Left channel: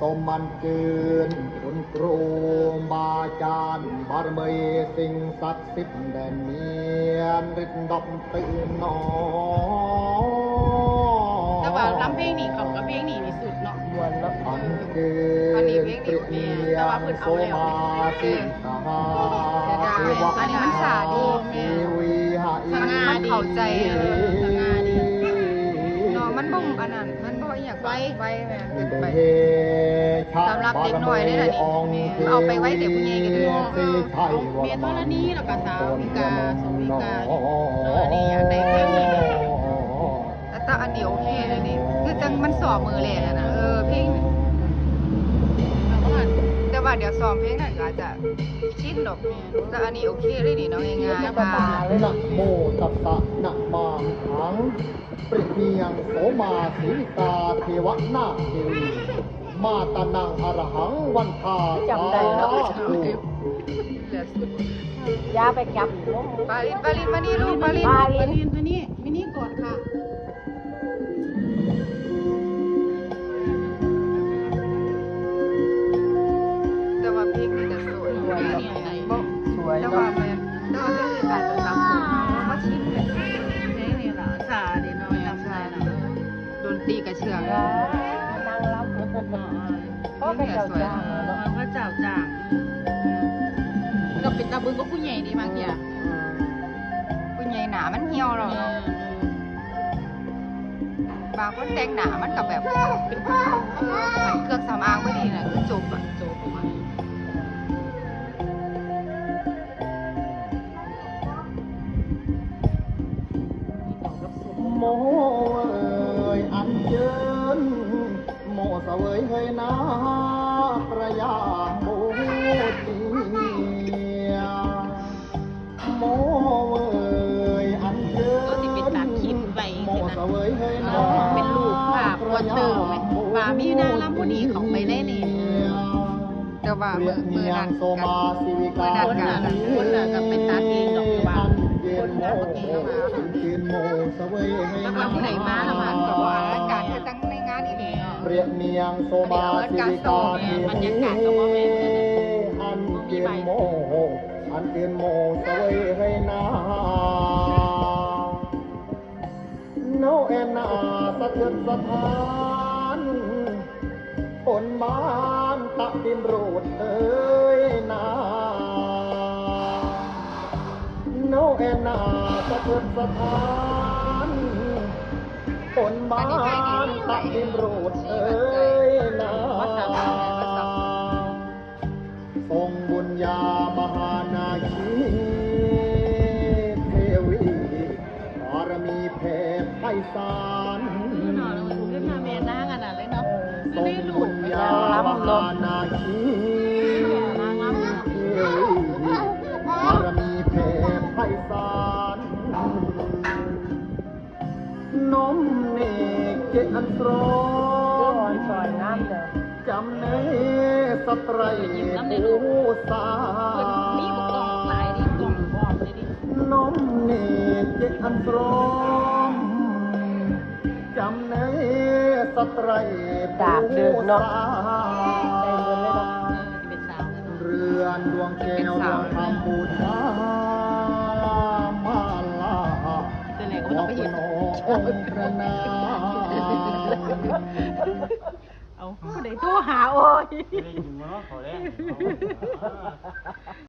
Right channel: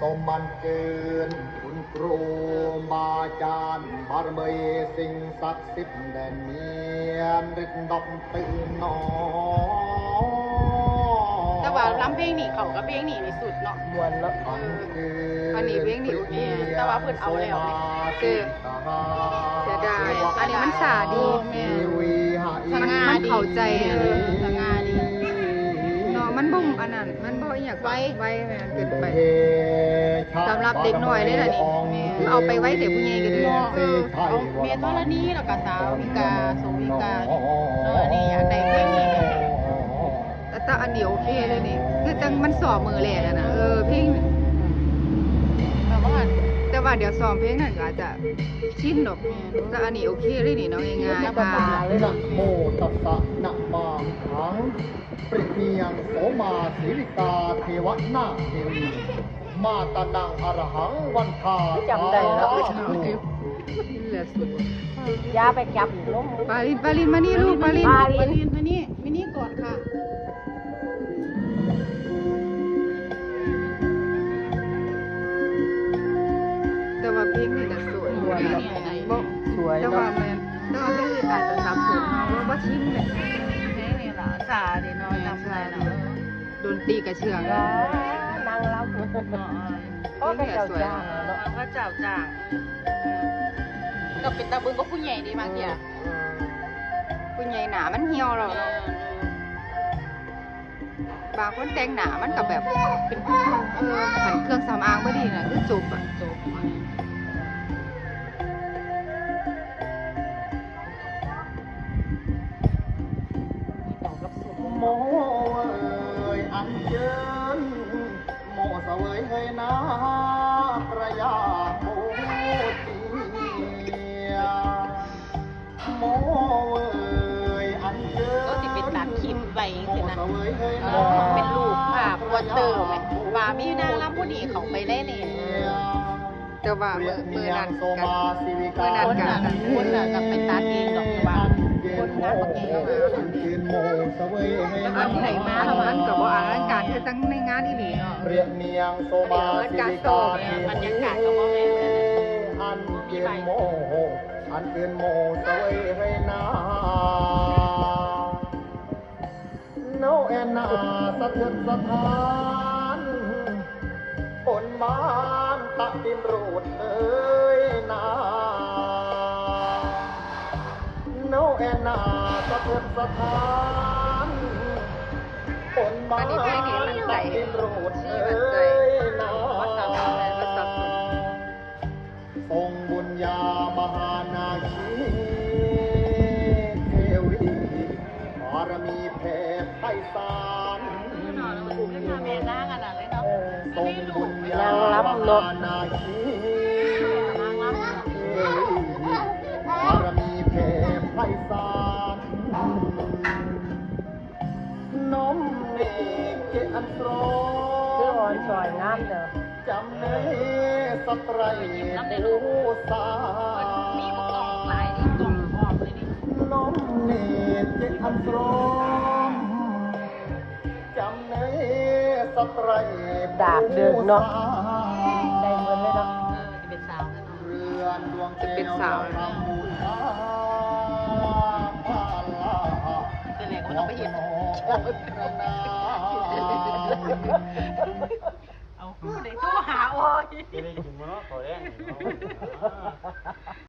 สมมันเกินคุณครูบาอาจารย์บารมีสิ่งศักดิ์สิทธิ์แดนเนียนริดดอกตื่นนอแต่ว่าลำเพลงนี่เขากับเพลงนี่นี่สุดเนาะเงินอันเกินเปรียบเทียงโสมาสิตาเทวะทีวีหาอีสง่าดี เองค์เทวีสีไทยเมียนวรณีแล้วก็สาววิกาสงวิกาเออนี่อยากได้เพลงนี้แบบแต่อันเดียวโอเคแล้วนี่คือจังมันสอบมือแลน่นะเออเพี่งเราก็ว่าแต่ว่าเดี๋ยวสอบเพลงนั้นอาจจะชินดอกแม่แต่อันนี้โอเคเลยนี่เนาะง่ายๆค่ะนะโมตัสสะนะมาหังปรียบเทียงโสมาสีริกาเทวนาเทวี มาตานังอรหังวันทาสาธุย่าไปจับปาลินปาลินมานี่ลูกปาลินปาลินมานี่มานี่ก่อนค่ะาก็เจ้าจ้างก็เป็นตาบึงก็ผู้ใหญ่ดีมากเดียวผู้ใหญ่หนามันเหี่ยวแล้วเออบางคนแต่งหนามันก็แบบเป็นเครื่องสำอางนี่แหละคือจุกอะจบโมเมว่ามีนางรำผู้ดีเขาไปเล่นเองแต่ว่าเปรียเนียงโซมาสิวิกาคนน่ะคนน่ะก็ไปตัดเองดอกอยู่ว่าเย็นโมอันเย็นโมเสวยเฮยแล้วก็นาผู้ใดมาละมันแต่ตัวว่าว่าอากาศก็ตั้งในงานอีหลีเนาะเปรียเนียงโซมาสิวิกาทีบรรยากาศก็บ่แม่นกันนะอันเย็นโมอันเย็นโมเสวยเฮยนาโนเอ็นนาสะเทือนสะท้านฝ นมานตะดินโรดเอ้ยนาโนเอ็นนาสะเทือนสะท้านฝนมานตะดินโรดเอ้ยนาทรงบุญญามหานาคีเทวีบารมีแผ่ไพศาล แม่นางอันนั้นเลยเนาะ ทรงบุญญามหานาคีเทวีบารมีแผ่ไพศาลน้อมเนกเจอันตรมจำเนสไตรภูสา น้อมเนตรเจอันตรมจำเน สไตรภูสาเป็นสาวกันเนาะเรือนดวงแก้วดวงคำบูชามาลาเป็นก็ต้องไปเห็นขอบพระนาเอาผู้ใดโทรหาโอ้ย